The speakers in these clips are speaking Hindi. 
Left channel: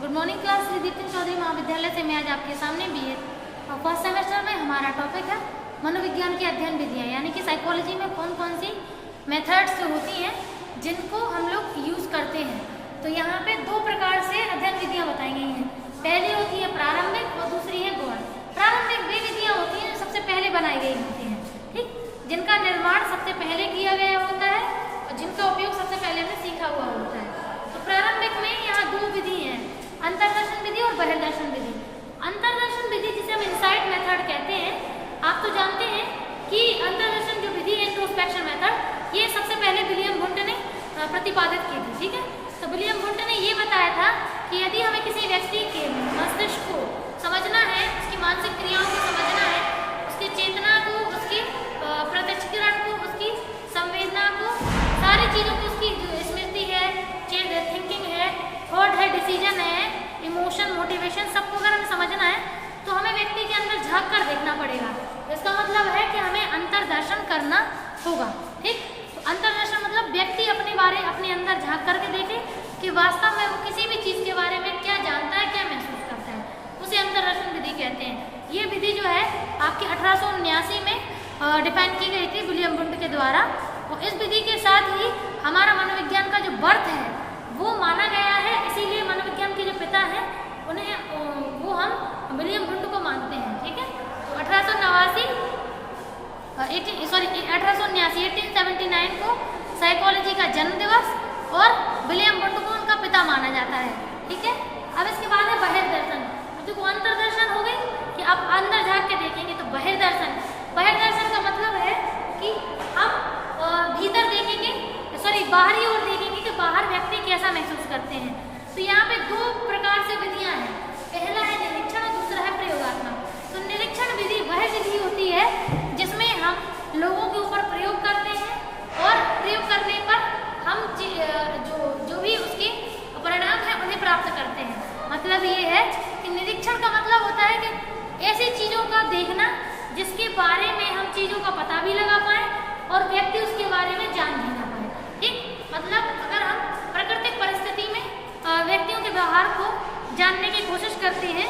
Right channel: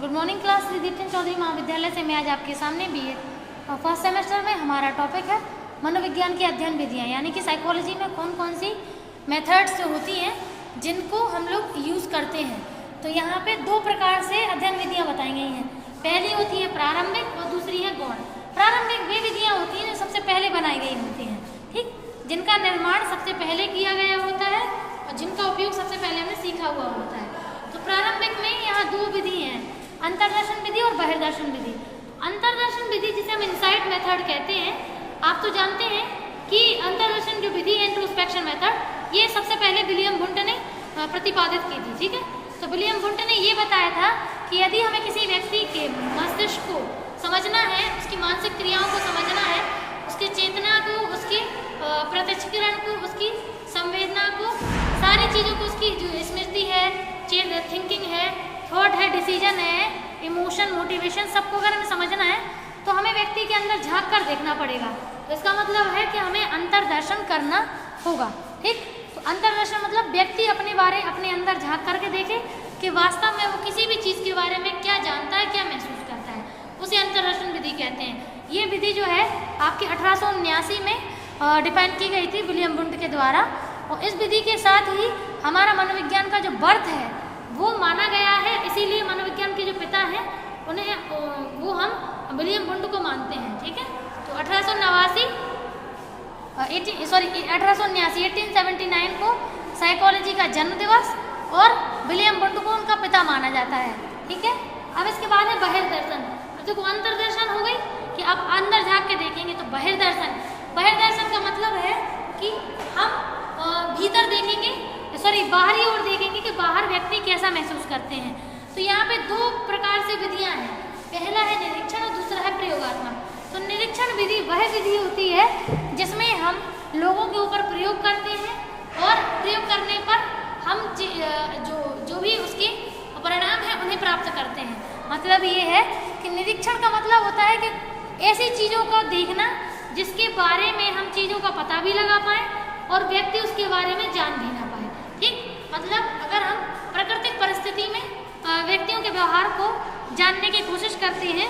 Good morning class Deepti Chaudhary महाविद्यालय से मैं आज आपके सामने बीएड फर्स्ट सेमेस्टर में हमारा टॉपिक है मनोविज्ञान की अध्ययन विधियाँ, यानी कि साइकोलॉजी में कौन कौन सी मेथड्स होती हैं जिनको हम लोग यूज़ करते हैं। तो यहाँ पे दो प्रकार से अध्ययन विधियाँ बताई गई हैं। पहली होती है प्रारंभिक और दूसरी है गौण। प्रारंभिक वे विधियाँ होती हैं जो सबसे पहले बनाई गई होती हैं, ठीक, जिनका निर्माण सबसे पहले किया गया होता है और जिनका उपयोग सबसे पहले हमने सीखा हुआ होता है। तो प्रारंभिक में यहाँ दो विधि हैं, अंतर्दर्शन विधि और बहिर्दर्शन विधि। अंतर्दर्शन विधि जिसे हम इनसाइट मेथड कहते हैं, आप तो जानते हैं कि अंतर्दर्शन जो विधि है इंट्रोस्पेक्शन मेथड, ये सबसे पहले विलियम वुंड ने प्रतिपादित की थी, ठीक है। तो विलियम वुंड ने ये बताया था कि यदि हमें किसी व्यक्ति के मस्तिष्क को समझना है, उसकी मानसिक क्रियाओं को समझना है, उसकी चेतना को, उसकी प्रत्यक्षीकरण को, उसकी संवेदना को, सारी चीज़ों को, उसकी जो स्मृति है, थिंकिंग है, थॉट है, डिसीजन है, इमोशन, मोटिवेशन, सबको अगर हमें समझना है तो हमें व्यक्ति के अंदर झांक कर देखना पड़ेगा। इसका मतलब है कि हमें अंतर्दर्शन करना होगा, ठीक। तो अंतर्दर्शन मतलब व्यक्ति अपने अंदर झांक करके देखे कि वास्तव में वो किसी भी चीज़ के बारे में क्या जानता है, क्या महसूस करता है, उसे अंतर्दर्शन विधि कहते हैं। ये विधि जो है आपके 1879 में डिफाइन की गई थी विलियम वुंड के द्वारा, और इस विधि के साथ ही हमारा मनोविज्ञान का जो बर्थ है वो माना गया है। इसीलिए मनोविज्ञान के जो पिता हैं उन्हें वो हम विलियम वुंड को मानते हैं, ठीक है। तो 1879 को साइकोलॉजी का जन्म दिवस और विलियम वुंड को उनका पिता माना जाता है, ठीक है। अब इसके बाद है बहिर्दर्शन। देखो अंतर्दर्शन हो गई कि आप अंदर झाँक के देखेंगे, तो बहिर्दर्शन का मतलब है कि हम भीतर देखेंगे, बाहरी ओर देखेंगे कि बाहर व्यक्ति कैसा महसूस करते हैं। तो यहाँ पे दो प्रकार से विधियाँ हैं, पहला है निरीक्षण और दूसरा है प्रयोगात्मक। तो निरीक्षण विधि वह विधि होती है जिसमें हम लोगों के ऊपर प्रयोग करते हैं और प्रयोग करने पर हम जो भी उसके परिणाम हैं उन्हें प्राप्त करते हैं। मतलब ये है कि निरीक्षण का मतलब होता है कि ऐसी चीज़ों का देखना जिसके बारे में हम चीज़ों का पता भी लगा पाए और व्यक्ति उसके बारे में जान भी ना पाए, ठीक। मतलब अगर हम प्राकृतिक परिस्थिति में व्यक्तियों के व्यवहार को जानने की कोशिश करते हैं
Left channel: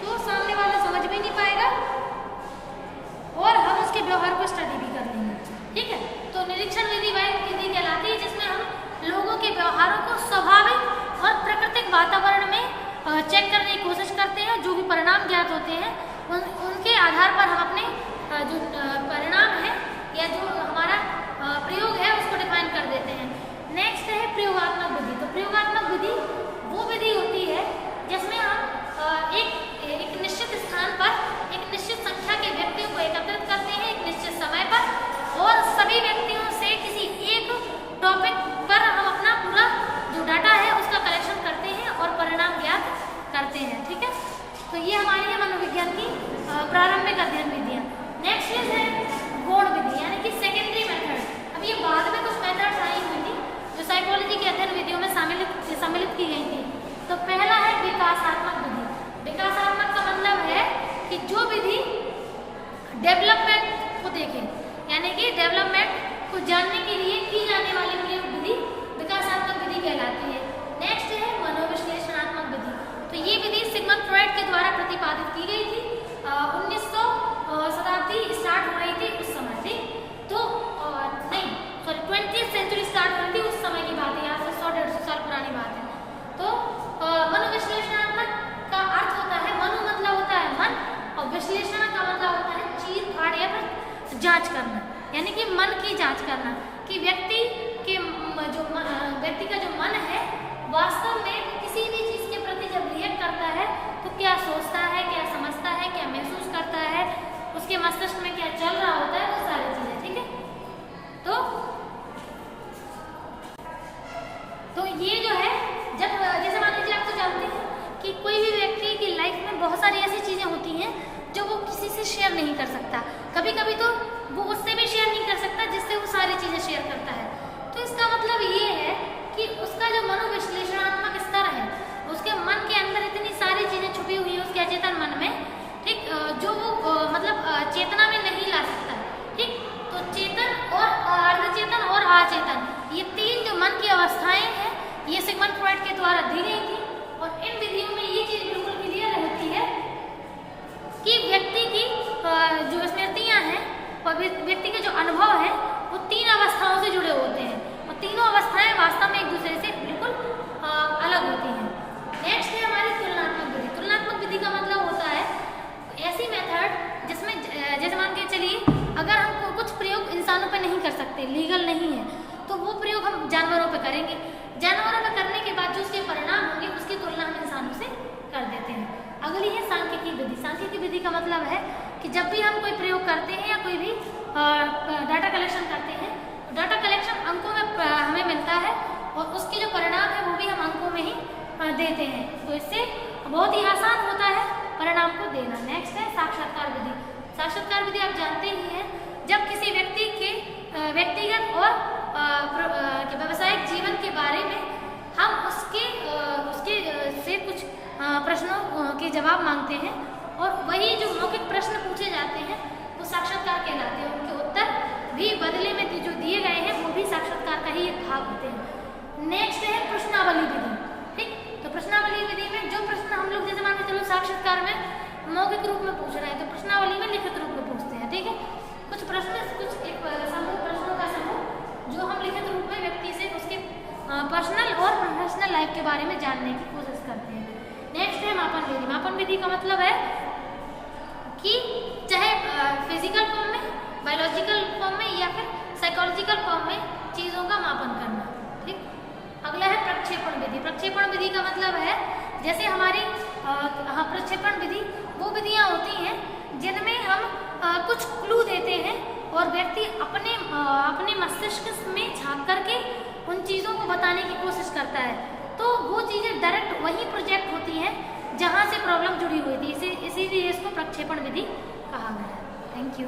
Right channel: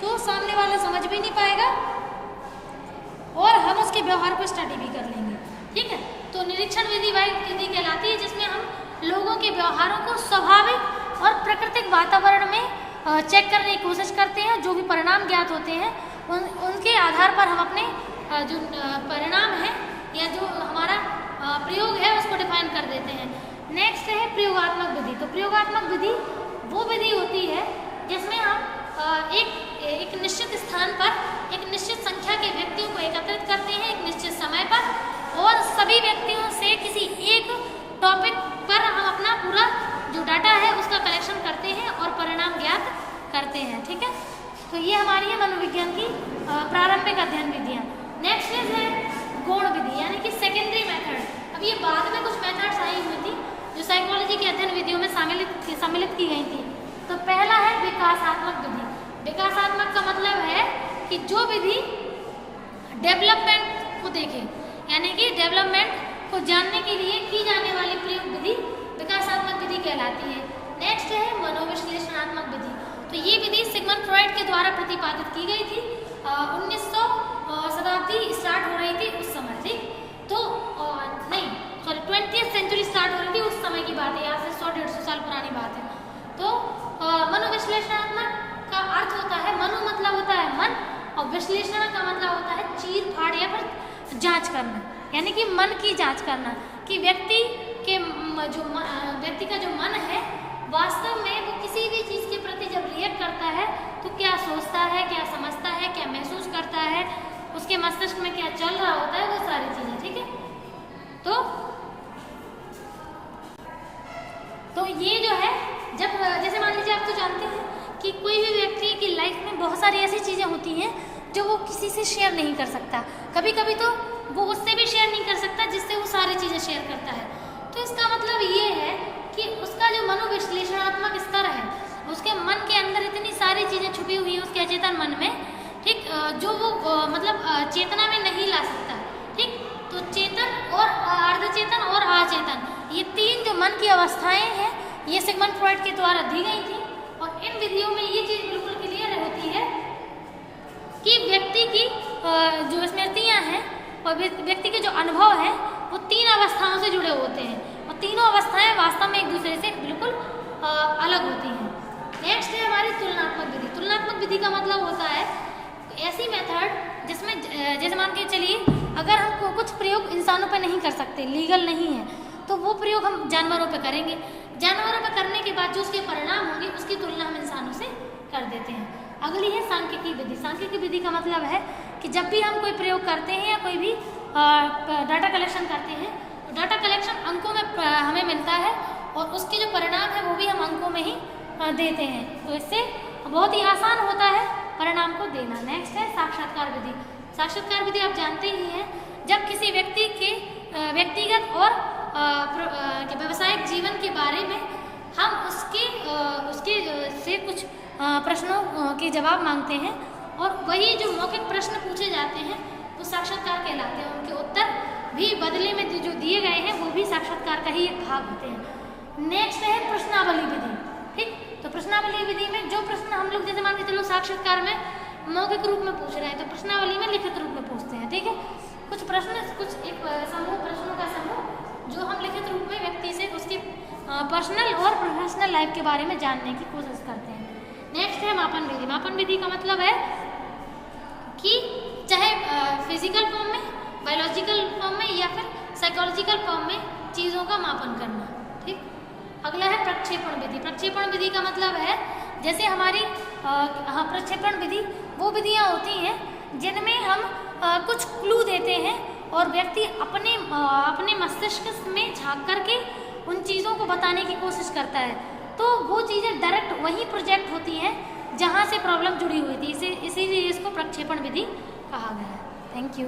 तो सामने वाला समझ भी नहीं पाएगा और हम उसके व्यवहार को स्टडी भी कर लेंगे, ठीक है। तो निरीक्षण विधि वह विधि कहलाती है जिसमें हम लोगों के व्यवहारों को स्वाभाविक और प्राकृतिक वातावरण में चेक करने की कोशिश करते हैं। जो भी परिणाम ज्ञात होते हैं उनके आधार पर हम अपने जो परिणाम है या जो हमारा प्रयोग है उसको डिफाइन कर देते हैं। नेक्स्ट है प्रयोगात्मक विधि। तो प्रयोगात्मक विधि वो विधि होती है जिसमें हम एक निश्चित स्थान पर एक निश्चित संख्या के व्यक्तियों को एकत्रित करते हैं एक निश्चित समय पर, और सभी व्यक्तियों से किसी एक टॉपिक पर हम अपना पूरा जो डाटा है उसका कलेक्शन करते हैं और परिणाम ज्ञात करते हैं, ठीक है। तो ये हमारी है मनोविज्ञान की प्रारंभिक अध्ययन विधियाँ। नेक्स्ट है गौण विधि, यानी कि सेकेंडरी मेथड। अब ये बाद में कुछ मेथड्स आई हुई थी जो साइकोलॉजी के अध्ययन विधियों में सम्मिलित की गई थी। तो पहला है विकासात्मक विधि। विकासात्मक का मतलब है कि जो विधि डेवलपमेंट को देखे, यानी कि डेवलपमेंट को जानने के लिए की जाने वाली प्रयोग विधि विकासात्मक विधि कहलाती है। नेक्स्ट है मनोविश्लेषणात्मक विधि। तो ये विधि सिगमंड फ्रॉइड के द्वारा प्रतिपादित की गई थी। 1900 शताब्दी स्टार्ट हो रही थी उस समय, ठीक। तो 20th सेंचुरी स्टार्ट हो रही थी उस समय की बात है, यहाँ से 100-150 साल पुरानी बात है। तो मनोविश्लेषणात्मक का अर्थ होता है, मनो मतलब होता है मन, और विश्लेषण का मतलब होता है चीर फाड़ या फिर जांच करना, यानी कि मन की जांच करना कि व्यक्ति का जो मन है वास्तव में वो किसी भी चीज़ के प्रति जब रिएक्ट करता है तो क्या सोचता है, क्या समझता है, क्या महसूस करता है, उसके मस्तिष्क में क्या चल रहा होता है, वो सारी चीज़ें, ठीक है। तो ये जो है जब जैसे मान लीजिए आप तो जानते हैं कि कोई भी व्यक्ति की लाइफ में बहुत सारी ऐसी चीज़ें होती हैं जो वो किसी से शेयर नहीं कर सकता। कभी कभी तो वो उससे भी शेयर नहीं कर सकता जिससे वो सारी चीज़ें शेयर करता है। तो इसका मतलब ये है कि उसका जो मनोविश्लेषणात्मक स्तर है, उसके मन के अंदर इतनी सारी चीज़ें छुपी हुई हैं उसके अचेतन मन में, ठीक, जो वो मतलब चेतना में नहीं ला सकता, ठीक। तो चेतन और अर्धचेतन और अचेतन, ये तीन जो मन की अवस्थाएं हैं ये सिगमंड फ्रॉइड के द्वारा दी गई थी और इन विधियों में अलग होती हैं। नेक्स्ट है हमारी तुलनात्मक विधि। तुलनात्मक विधि का मतलब होता है ऐसी मेथड जिसमें जैसे मान के चलिए अगर हम कुछ प्रयोग इंसानों पर नहीं कर सकते, लीगल नहीं है, तो वो प्रयोग हम जानवरों पर करेंगे। जानवरों पर करने के बाद जो उसके परिणाम होंगे उसकी तुलना हम इंसानों से कर देते हैं। अगली है सांख्यिकी विधि। सांख्यिकी विधि का मतलब है कि जब भी हम कोई प्रयोग करते हैं या कोई भी डाटा कलेक्शन करते हैं, डाटा कलेक्शन अंकों में हमें मिलता है और उसके जो परिणाम है वो भी हम अंकों में ही देते हैं, तो इससे बहुत ही आसान होता है परिणाम को देना। नेक्स्ट है साक्षात्कार विधि। साक्षात्कार विधि आप जानते ही हैं, जब किसी व्यक्ति के व्यक्तिगत और व्यावसायिक जीवन के बारे में हम उसके से कुछ प्रश्नों के जवाब मांगते हैं और वही जो मौखिक प्रश्न पूछे जाते हैं वो साक्षात्कार कहलाते हैं। उनके उत्तर भी बदले में जो दिए गए हैं वो भी साक्षात्कार का ही एक भाग होते हैं। नेक्स्ट है प्रश्नावली विधि। ठीक, तो प्रश्नावली विधि में जो प्रश्न हम लोग जैसे मान के चलो साक्षात्कार में मौखिक रूप में पूछ रहे हैं, तो प्रश्नावली में लिखित रूप में पूछते हैं। ठीक है, कुछ प्रश्न, कुछ एक समूह प्रश्नों का समूह जो हम लिखित रूप में व्यक्ति से उसके पर्सनल और प्रोफेशनल लाइफ के बारे में जानने की कोशिश करते हैं। नेक्स्ट है मापन विधि। मापन विधि का मतलब है कि चाहे फिजिकल फॉर्म में, बायोलॉजिकल फॉर्म में या फिर साइकोलॉजिकल फॉर्म में चीज़ों का मापन करना। ठीक, अगला है प्रक्षेपण विधि। प्रक्षेपण विधि का मतलब है जैसे हमारी प्रक्षेपण विधि वो विधियाँ होती हैं जिनमें हम कुछ क्लू देते हैं और व्यक्ति अपने मस्तिष्क में झांक करके उन चीज़ों को बताने की कोशिश करता है, तो वो चीज़ें डायरेक्ट वही प्रोजेक्ट होती हैं जहाँ से प्रॉब्लम जुड़ी हुई थी। इसीलिए इसको प्रक्षेपण विधि कहा गया है। Thank you.